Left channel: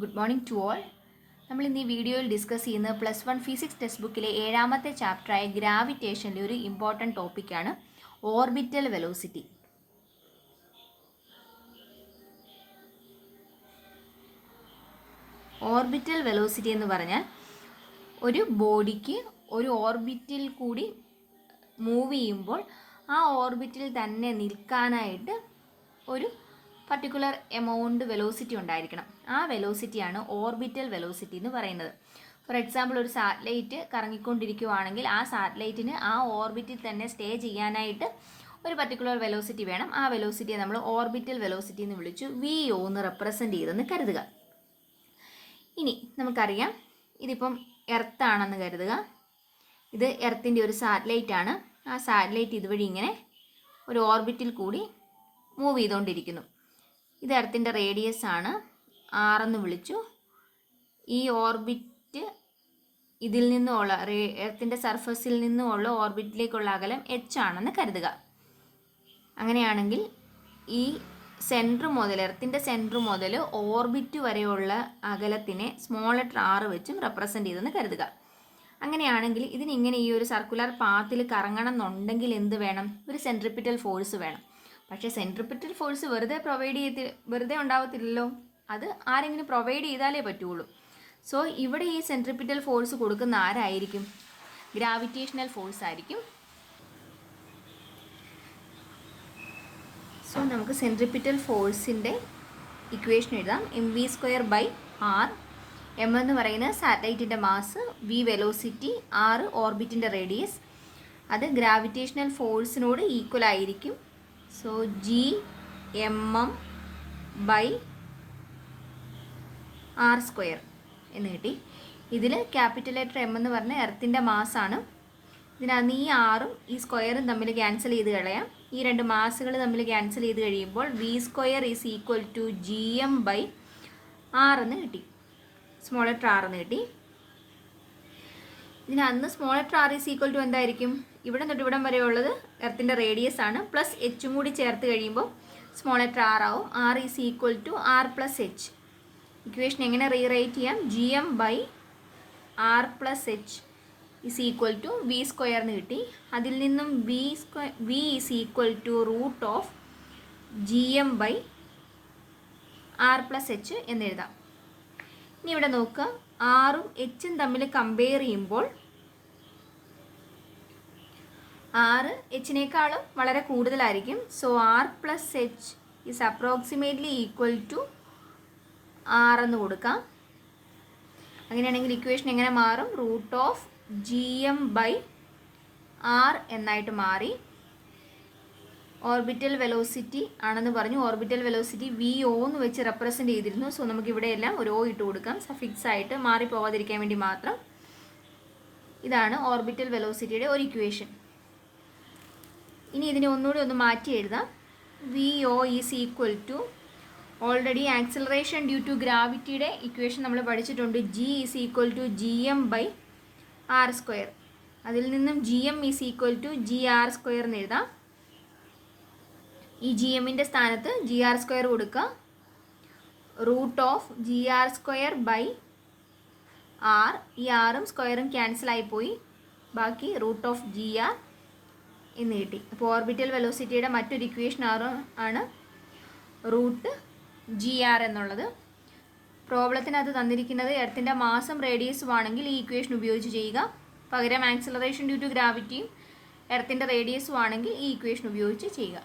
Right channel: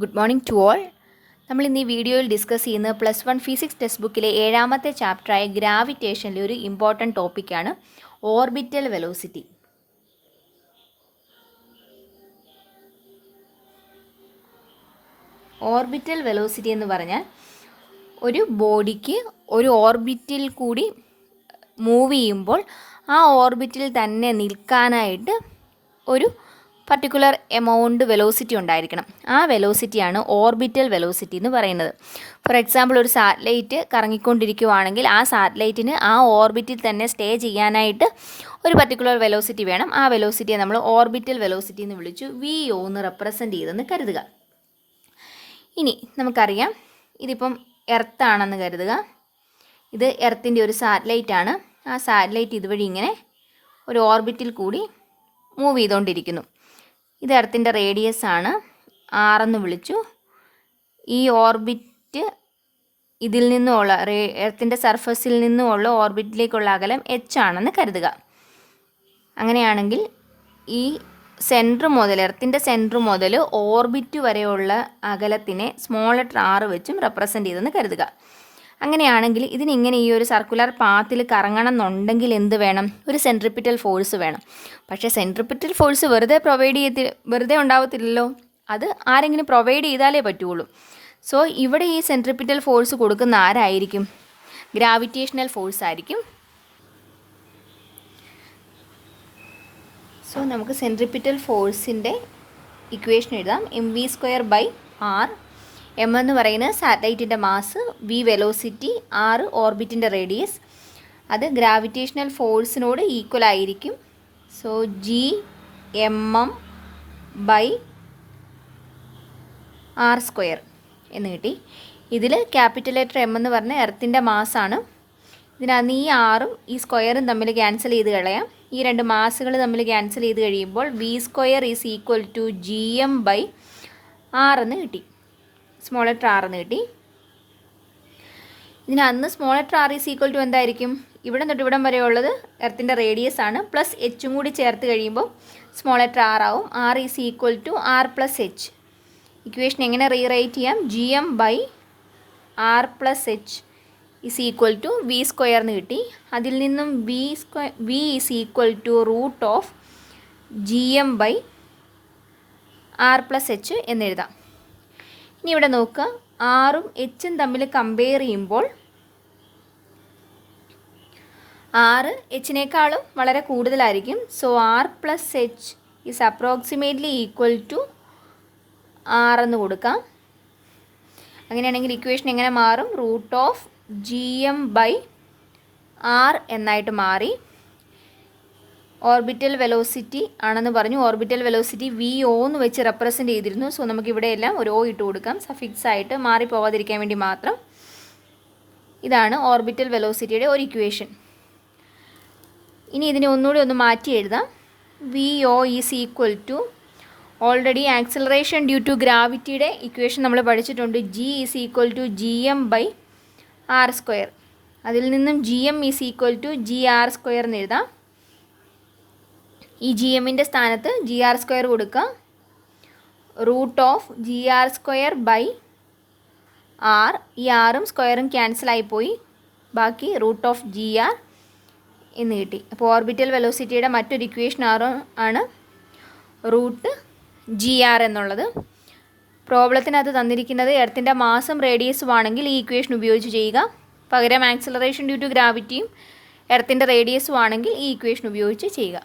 Good morning to all. നമ്മൾ ഇന്ന് ഈ വീഡിയോയിൽ ഡിസ്കസ് ചെയ്യുന്നത് +1 ഫിസിക്സ് ടെക്സ്റ്റ് ബുക്കിലെ 7ാമത്തെ ചാപ്റ്ററായ ഗ്രാവിറ്റേഷനിലെ ഒരു ഇമ്പോർട്ടൻറ്റ് ടോപ്പിക്കാണ് ഓർബിറ്റൽ വെലോസിറ്റി. ഓർബിറ്റൽ വെലോസിറ്റി എന്ന് പറഞ്ഞാൽ ഒരു ബോഡിക്ക് ഒരു ഓർബിറ്റിൽ കൂടി മൂവ് ചെയ്യുമ്പോൾ ആ ഓർബിറ്റിൽ തന്നെ നിൽക്കാനായിട്ട് ഒരു പർട്ടിക്കുലർ എമൗണ്ട് വെലോസിറ്റി ഉണ്ടായിരിക്കണം. ആ വെലോസിറ്റിയാണ് ഓർബിറ്റൽ വെലോസിറ്റി എന്ന് പറയുന്നത്. ഫോർ എക്സാമ്പിൾ, ഒരു സാറ്റലൈറ്റ് കറങ്ങിക്കൊണ്ടിരിക്കുകയാണെങ്കിൽ ആ സാറ്റലൈറ്റിന് ആ ഓർബിറ്റിൽ തന്നെ സ്റ്റേ ചെയ്യാനായിട്ട് ഒരു പർട്ടിക്കുലർ വെലോസിറ്റി വേണം. ആ വെലോസിറ്റിയെ നമ്മൾ ഓർബിറ്റൽ വെലോസിറ്റി എന്ന് വിളിച്ചു VO എന്ന് റെപ്രസെൻ്റ് ചെയ്തെന്ന് കരുതുക. ഇനി നമുക്കറിയാം, ഇതിപ്പം എർത്താണെന്ന് കരുതുക. ഇത് എർത്തിൻ്റെ ഒരു സാറ്റലൈറ്റ് ആണ്. ആ സാറ്റലൈറ്റ് ഇതുവഴി ഇങ്ങനെ ഒരു ഓർബിറ്റിൽ കൂടി മൂവ് ചെയ്തുകൊണ്ടിരിക്കുന്നു. ഇത് എർത്തിൻ്റെ റേഡിയസ് ആണ്, R എന്ന് വിളിച്ചു. ഈ ഓർബിറ്റ് ഇതിൽ നിന്നുമുള്ള എർത്തിൻ്റെ സർഫസിൽ നിന്നുമുള്ള ഓർബിറ്റിലേക്കുള്ള അകലം H ആണെന്ന് കരുതുക. അങ്ങനെയാണെങ്കിൽ ഈ സെൻറ്റർ മുതൽ എർത്തിൻ്റെ സെൻറ്റർ മുതൽ ഓർബിറ്റ് വരെയുള്ള അകലത്തിനെ സ്മോൾ ലെറ്റർ R വെച്ചും റെപ്രസെൻ്റ് ചെയ്തെന്ന് കരുതുക. അങ്ങനെയാണെങ്കിൽ ഇതിനിങ്ങനെ ഈ ഒരു സർക്കുലർ പാത്തിൽ കറങ്ങണം എന്നുണ്ടെങ്കിൽ എന്ത് വേണം? ഒരു സെൻട്രിപ്പിറ്റൽ ഫോഴ്സ് വേണം. പക്ഷേ സെൻട്രിപ്പിറ്റൽ ഫോഴ്സ് വെറുതെ ഉണ്ടാവത്തില്ലല്ലോ, അത് ആരെങ്കിലും പ്രൊവൈഡ് ചെയ്താലേ പറ്റുള്ളൂ. സോ ഇവിടെ ഈ സെൻട്രിപ്പിറ്റൽ ഫോഴ്സ് കൊടുക്കുന്ന ആരായിരിക്കും? ഗ്രാവിറ്റേഷണൽ ഫോഴ്സ് ആയിരിക്കും. സോ നമുക്ക് സെൻട്രിപ്പിറ്റൽ ഫോഴ്സിൻ്റെ ഇക്വേഷൻ എഴുതാം. mv²/r. m എന്ന് പറയുന്നത് സാറ്റലൈറ്റിൻ്റെ മാസ്, v വെലോസിറ്റി, r ഓർബിറ്റിൻ്റെ റേഡിയസ്. അത് ഗ്രാവിറ്റേഷണൽ ഫോഴ്സിനോട് ഈക്വൽ ആയിരിക്കും. സോ Gmm/r² എന്ന് കിട്ടി. ഇതിൽ ക്യാപിറ്റൽ ലെറ്റർ M എന്ന് പറഞ്ഞാൽ എർത്തിൻ്റെ മാസാണ്. ഇതിനകത്ത് ഈ ആറും ഈ സ്ക്വയറും തമ്മിൽ ക്യാൻസൽ ചെയ്ത് കളയാം. ഈ രണ്ട് മാസുകൾ തമ്മിൽ ക്യാൻസൽ ചെയ്ത് കഴിയുമ്പോൾ v² = Gm/r എന്ന് കിട്ടി. സ്മോൾ ലെറ്റർ R എന്ന് കിട്ടി. ഇതിനന്ന് സ്മോൾ ലെറ്റർ R = എന്തായിരിക്കും? ഇവിടെ തൊട്ട് ഇവിടം വരെ ഉള്ളത് എർത്തിൻ്റെ റേഡിയസ് ആണ്, പ്ലസ് എച്ചും കൂടി ചേർത്ത് കഴിയുമ്പോൾ സ്മോൾ ലെറ്റർ R ആവും. R = R+h. ഇക്വേഷൻ എങ്ങനെ റീറൈറ്റ് ചെയ്യാം? Gm/r+h = v² എന്ന് കിട്ടി. അതിൽ നിന്നും v = Gm/r+h എന്നെഴുതാം. ഇനി ഇവിടെ നോക്കുക, ആറും എച്ചും തമ്മിൽ കമ്പയർ ചെയ്യുമ്പോൾ ആറ് എച്ചിനേക്കാളും വളരെ കൂടുതലായിരിക്കും. So r+h is approximately equal to r എന്ന് കൊടുക്കാം. അങ്ങനെയാണെങ്കിൽ ഇക്വേഷൻ എങ്ങനെ മാറും? √Gm/r എന്നായിട്ട് മാറി. ഓർബിറ്റൽ വെലോസിറ്റി ആണെന്ന് പറഞ്ഞു. ഓർബിറ്റൽ വെലോസിറ്റി VO എന്ന് വെച്ച് റെപ്രസെൻ്റ് ചെയ്തിരുന്നു. സോ നമുക്ക് ഇവിടെയെല്ലാം ഒരു O ഇട്ട് കൊടുക്കാം, സഫിക്സ് ആയിട്ട് മാറിപ്പോവാതിരിക്കാൻ വേണ്ടി മാത്രം. ഇതാണ് ഓർബിറ്റൽ വെലോസിറ്റിയുടെ ഒരു ഇക്വേഷൻ. ഇനി ഇതിനെ ഒന്നുകൂടി ഒന്ന് മാറ്റി എഴുതാം. VO = already acceleration due to ഗ്രാവിറ്റിയുടെ ഇക്വേഷൻ നമ്മൾ പഠിച്ചിട്ടുണ്ട്. G = Gm/r². അതിൽ നിന്നും Gm = Gr² എന്ന് എഴുതാം. ഈ Gmൻ്റെ സ്ഥാനത്ത് Gr² കൊടുക്കുക. √Gr²/r. ഈ ആറും സ്ക്വയറും ക്യാൻസലായിപ്പോയി, ബാക്കി √Gr എന്ന് കിട്ടി. അപ്പോൾ ഓർബിറ്റൽ വെലോസിറ്റിയുടെ മറ്റൊരു ഇക്വേഷൻ ആണ് √Gr എന്നുള്ളത്. പ്രോബ്ലത്തിനകത്ത് തന്നിരിക്കുന്നത് എർത്തിൻ്റെ മാസും റേഡിയസും ആണെങ്കിൽ ഈ ഇക്വേഷൻ ഉപയോഗിച്ച് ചെയ്യുക. പകരം ആക്സിലറേഷൻ ഡ്യൂ ടു ഗ്രാവിറ്റിയും എർത്തിൻ്റെ റേഡിയസും ആണെങ്കിൽ ഈ ഇക്വേഷൻ ഉപയോഗിച്ച് ചെയ്യുക.